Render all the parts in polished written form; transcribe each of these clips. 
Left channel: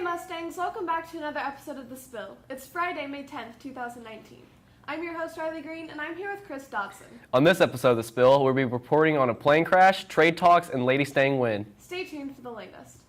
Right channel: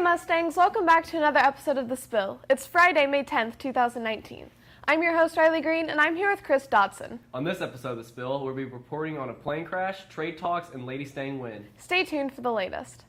Hey Mustangs, welcome back to another episode of The Spill. It's Friday, May 10th, 2019. I'm your host, Riley Green, and I'm here with Chris Dodson. On this episode of The Spill, we'll be reporting on a plane crash, trade talks, and Lady Stang win. Stay tuned for the latest.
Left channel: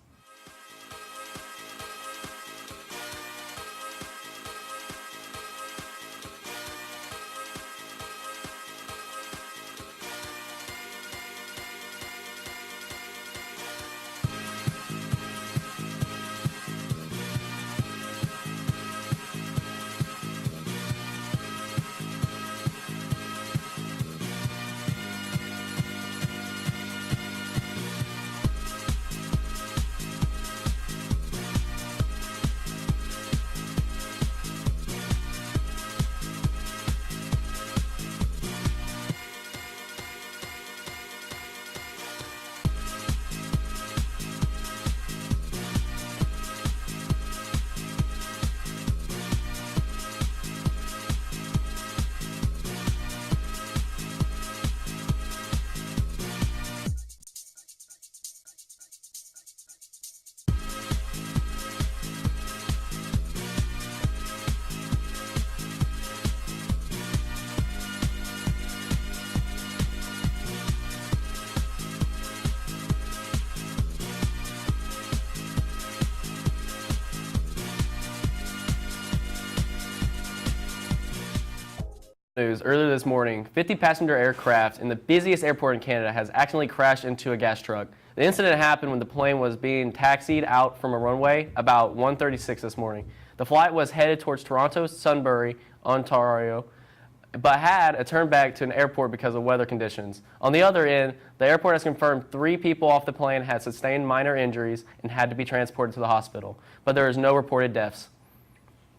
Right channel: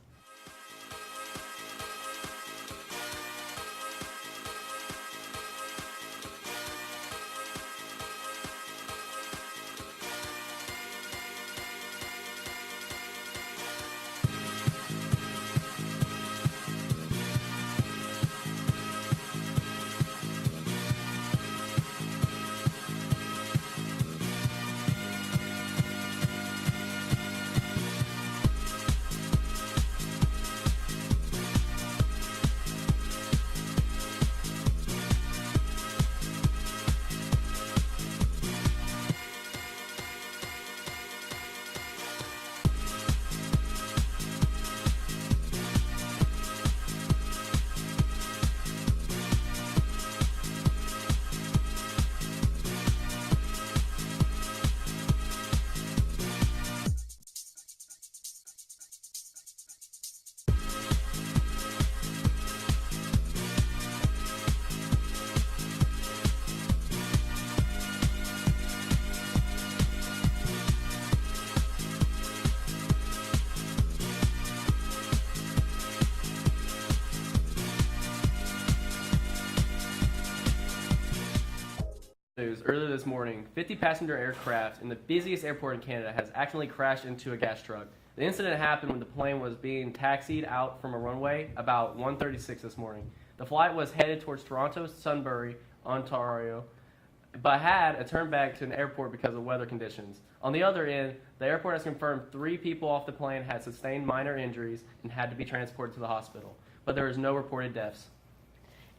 News earlier this morning, 50-passenger aircraft in the busiest airport in Canada has accidentally crashed into a gas truck. The incident happened when the plane was being taxied out from a runway about 1:36 this morning. The flight was headed towards Toronto Sunbury, Ontario, but had a turn back to an airport because of weather conditions. On the other end, the airport has confirmed 3 people off the plane had sustained minor injuries and had to be transported to the hospital, but there is no reported deaths.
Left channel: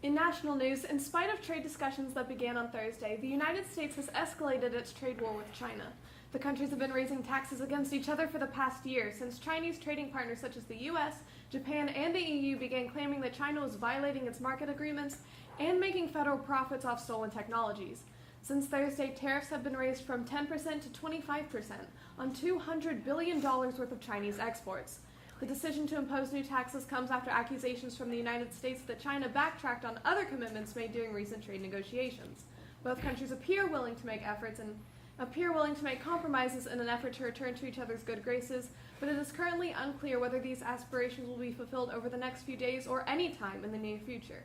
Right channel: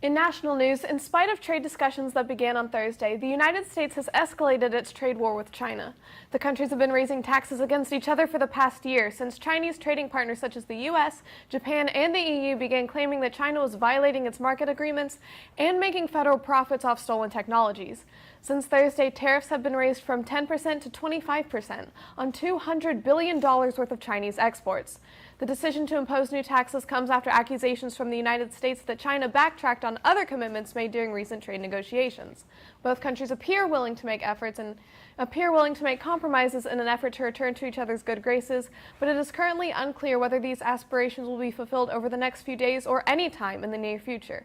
In national news, in spite of trade discussions that began on Thursday, the United States has escalated its trade war with China. The countries have been raising taxes against each other for the past year, since Chinese trading partners such as the U.S., Japan, and the EU began claiming that China was violating its market agreements and making federal profits off stolen technologies. Since Thursday, tariffs have been raised from 10% to 25% on $200 billion worth of Chinese exports. The decision to impose new taxes comes after accusations from the United States that China backtracked on other commitments made during recent trade negotiations. Both countries appear willing to make compromises in an effort to return to each other's good graces, but it is currently unclear whether these aspirations will be fulfilled over the next few days or any time in the near future.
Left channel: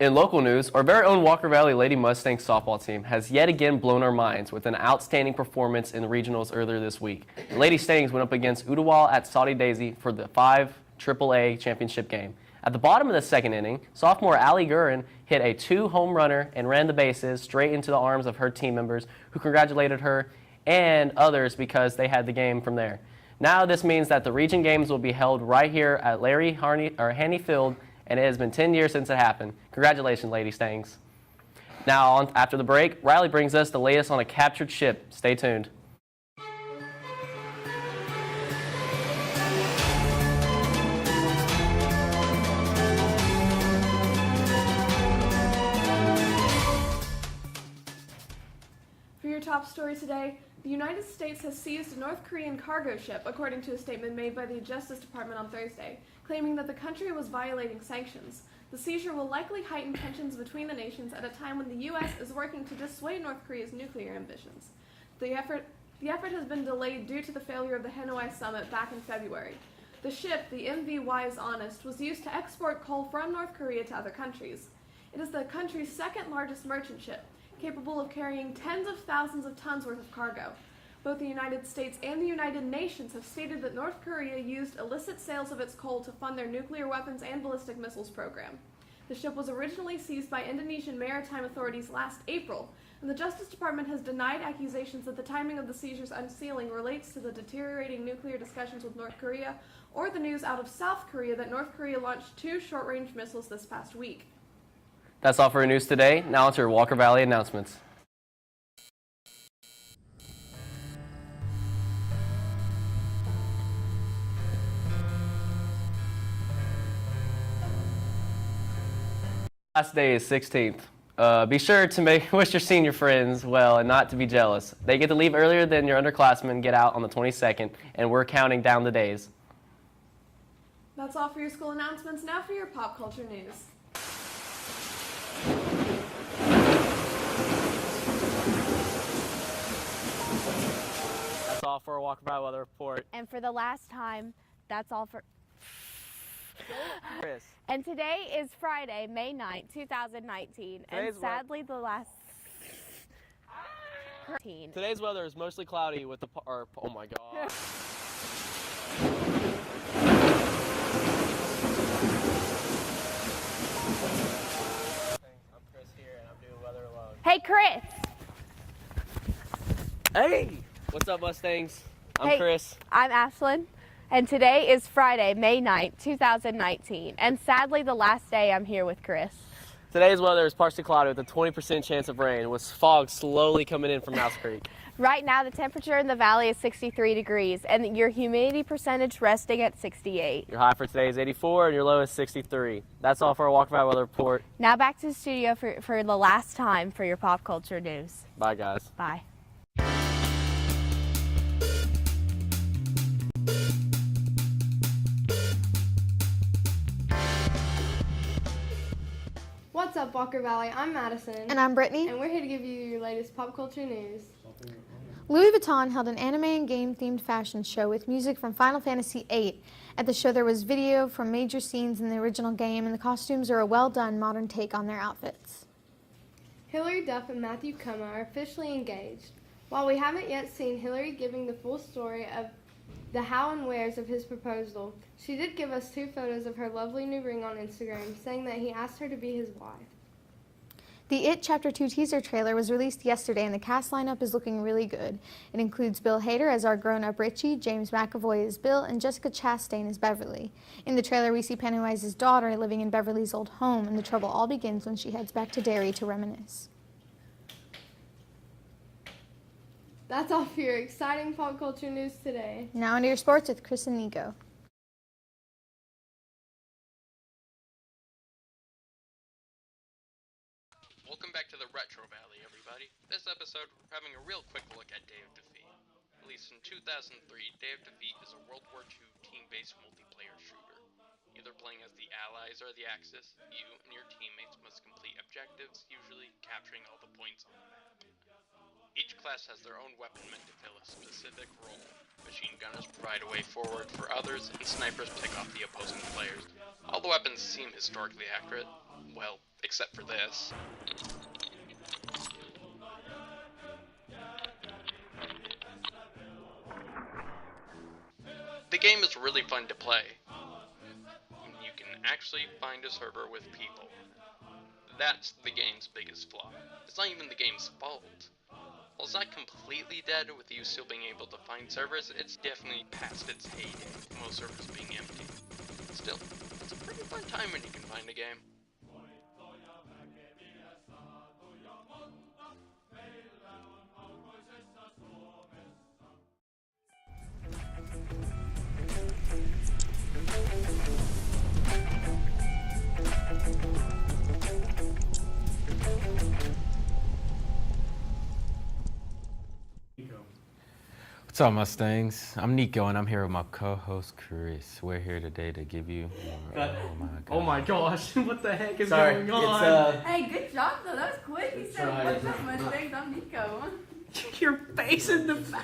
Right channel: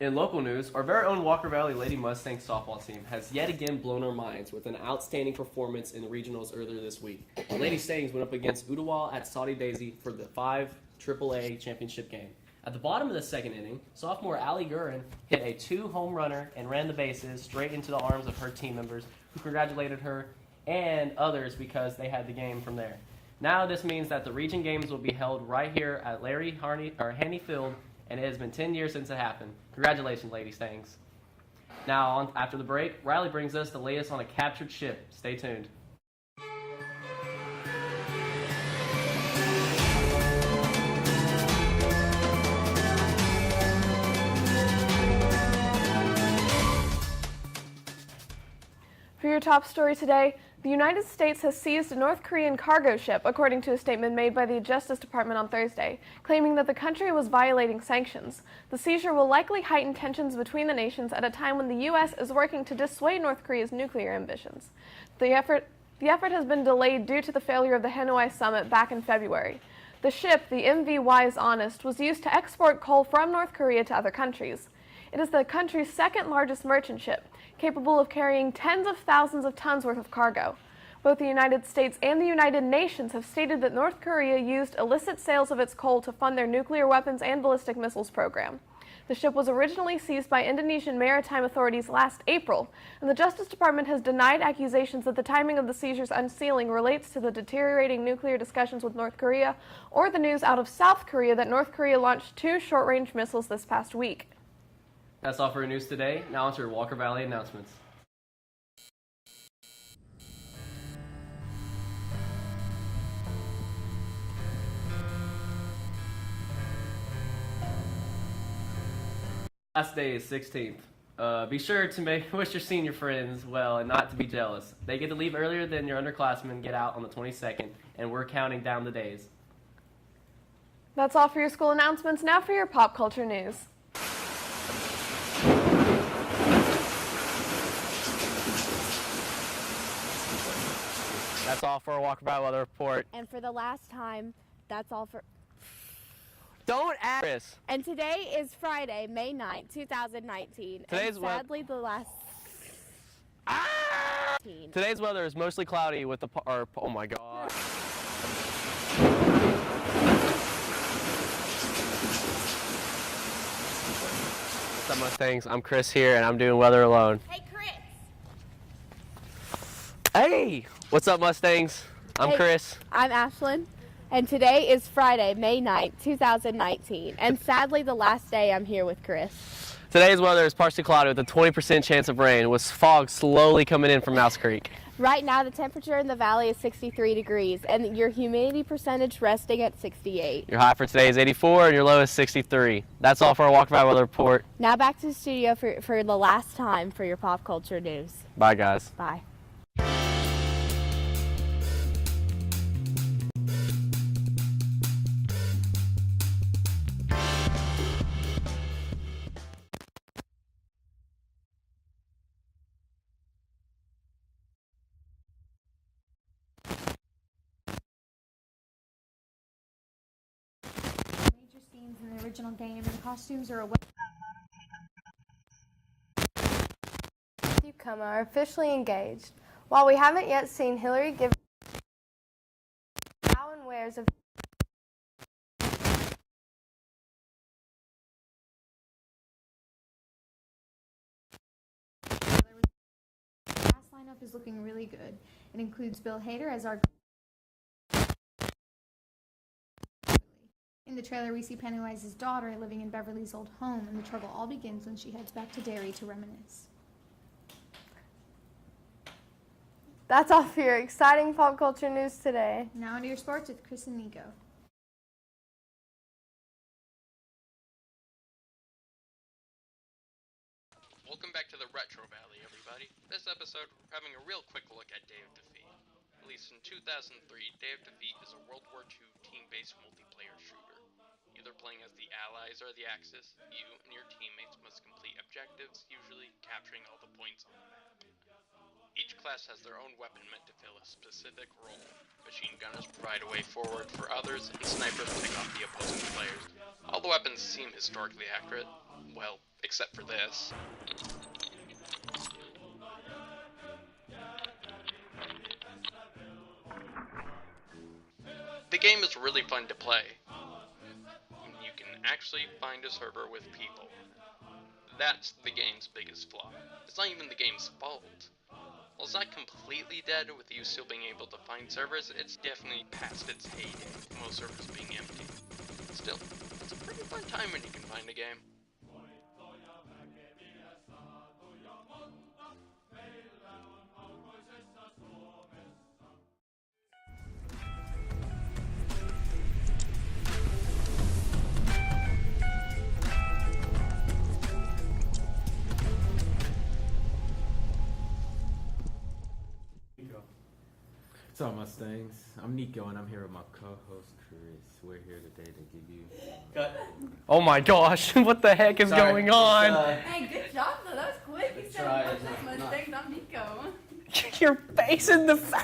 In local news, our very own Walker Valley Lady Mustangs softball team has yet again blown our minds with an outstanding performance in the regionals earlier this week. The Lady Stangs went up against Ottawa at Saudi Daisy for the 5 AAA championship game. At the bottom of the second inning, sophomore Allie Gurin hit a 2-home runner and ran the bases straight into the arms of her team members, who congratulated her and others because they had the game from there. Now this means that the region games will be held right here at Larry Haney Field, and it has been 10 years since it happened. Congratulations, Lady Stangs. Now, after the break, Riley brings us the latest on a captured ship. Stay tuned. For your top story today, the United States has seized a North Korean cargo ship, according to a statement made by the Justice Department on Thursday, claiming that the country was violating sanctions. The seizure will likely heighten tensions between the nations at a time when the U.S. is working to dissuade North Korea's nuclear ambitions. The effort has been delayed due to the failure of the Hanoi summit back in February. The ship, the MV Wise Honest, was used to export coal from North Korea to other countries. It is the country's second largest merchant ship, capable of carrying tens of thousands of tons worth of cargo. Both the United States and the United Nations have stated that North Korea used illicit sales of its coal to fund their nuclear weapons and ballistic missiles program. The ship was originally seized by Indonesian maritime authorities last April, and the Justice Department has denied accusations that the timing of the seizure's unsealing relates to the deteriorating nuclear discussions with North Korea or the news out of South Korea that North Korea launched 2 short-range missiles this past week. That's all for your news today. Now to your Walker Valley announcements. Last day is 16th. Be sure to wish your senior friends well and not to be jealous. They get to leave earlier than your underclassmen get out on the 22nd, and we're counting down the days. That's all for your school announcements. Now for your pop culture news. That's all for our Walker Valley weather report. And for the last time, that's all for... Don't ask Chris. And today is Friday, May 9th, 2019. Today's and sadly, the last... Today's weather is mostly cloudy with oh my god. What's up, Mustangs? I'm Chris here, and I'm doing weather alone. Hey, Chris! Hey! What's up, Mustangs? I'm Hey. Chris. I'm Ashlyn. And today is Friday, May 9th, 2019. And sadly, the last day I'm here with Chris. Today's weather is partially cloudy with a 20% chance of rain, with fog slowly coming in from Mouse Creek. Right now, the temperature in the valley is 63 degrees, and your humidity percentage resting at 68. Your high for today is 84, and your low is 63. That's all for our Walker Valley weather report. Now back to the studio for the last time for your pop culture news. Bye, guys. Bye. What's up, Walker Valley? I'm Madison. And I'm Brittany. And we're here to give you your latest pop culture news. Louis Vuitton held an anime and game themed fashion show with music from Final Fantasy VIII. At the show, there was video from major scenes in the original game, and the costumes are a well done modern take on their outfits. Hilary Duff and Matthew Cumma are officially engaged. While we haven't yet seen Hilary giving the full story of the how and wheres of his proposal, she did give us 2 photos of her lovely new ring on Instagram, saying that he asked her to be his wife. The It Chapter 2 teaser trailer was released yesterday, and the cast lineup is looking really good. It includes Bill Hader as our grown-up Richie, James McAvoy as Bill, and Jessica Chastain as Beverly. In the trailer, we see Pennywise's daughter living in Beverly's old home, and the trouble all begins when she heads back to Derry to reminisce. That's all for your exciting pop culture news today. Now into your sports with Chris and Nico. Welcome back to the Retro Valley, everybody. This episode, we're having a real quick look at Day of Defeat. Released in 2003, Day of Defeat is a World War II team-based multiplayer shooter. Either playing as the Allies or the Axis, you and your teammates must complete objectives, usually capturing all the points on the map. Each class has their own weapon meant to fill a specific role. Machine gunners provide a way forward for others, and snipers pick off the opposing players. All the weapons seem historically accurate. Well, except for this. The game is really fun to play. You can actually find a server with people. That's the game's biggest flaw. It's not even the game's fault. While it's not completely dead with you still being able to find servers, it's definitely past its heyday, most servers being empty. Still, it's a pretty fun time when you can find a game. What's up, Mustangs? I'm Nico, and I'm here with my co-host Chris. We're here today to give you. Oh my gosh, what the heck is going on? Hey, good job though. That was quick. You said, "What's up, Mustangs? I'm Nico." Your face in the face.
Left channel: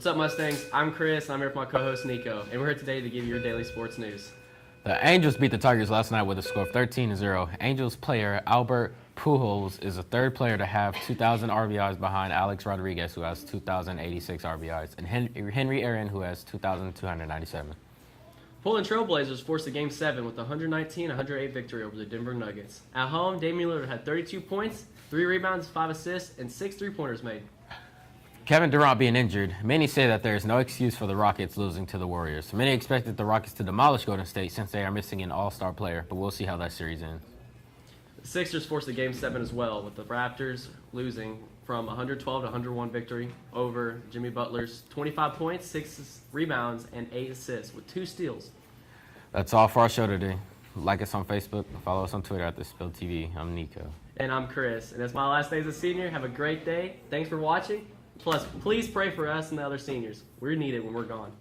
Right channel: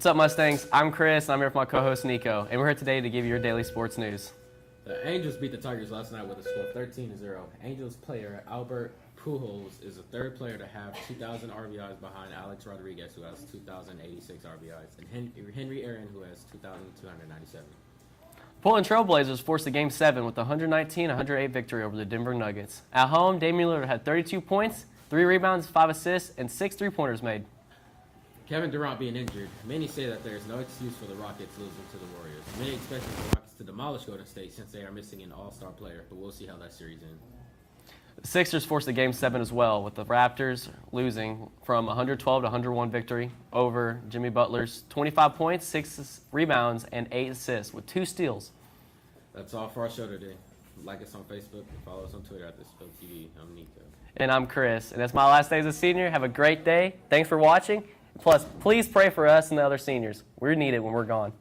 What's up, Mustangs? I'm Chris, and I'm here with my co-host Nico, and we're here today to give you your daily sports news. The Angels beat the Tigers last night with a score of 13-0. Angels player Albert Pujols is the third player to have 2,000 RBIs behind Alex Rodriguez, who has 2,086 RBIs, and Henry Aaron, who has 2,297. Portland Trailblazers forced a Game 7 with a 119-108 victory over the Denver Nuggets. At home, Damian Lillard had 32 points, 3 rebounds, 5 assists, and 6 three-pointers made. Kevin Durant being injured, many say that there is no excuse for the Rockets losing to the Warriors. Many expected the Rockets to demolish Golden State since they are missing an all-star player, but we'll see how that series ends. The Sixers forced a Game 7 as well, with the Raptors losing from 112 to 101 victory over Jimmy Butler's 25 points, 6 rebounds, and 8 assists with 2 steals. That's all for our show today. Like us on Facebook, follow us on Twitter at TheSpillTV. I'm Nico. And I'm Chris, and it's my last day as a senior. Have a great day. Thanks for watching. Plus, please pray for us and the other seniors. We're needed when we're gone.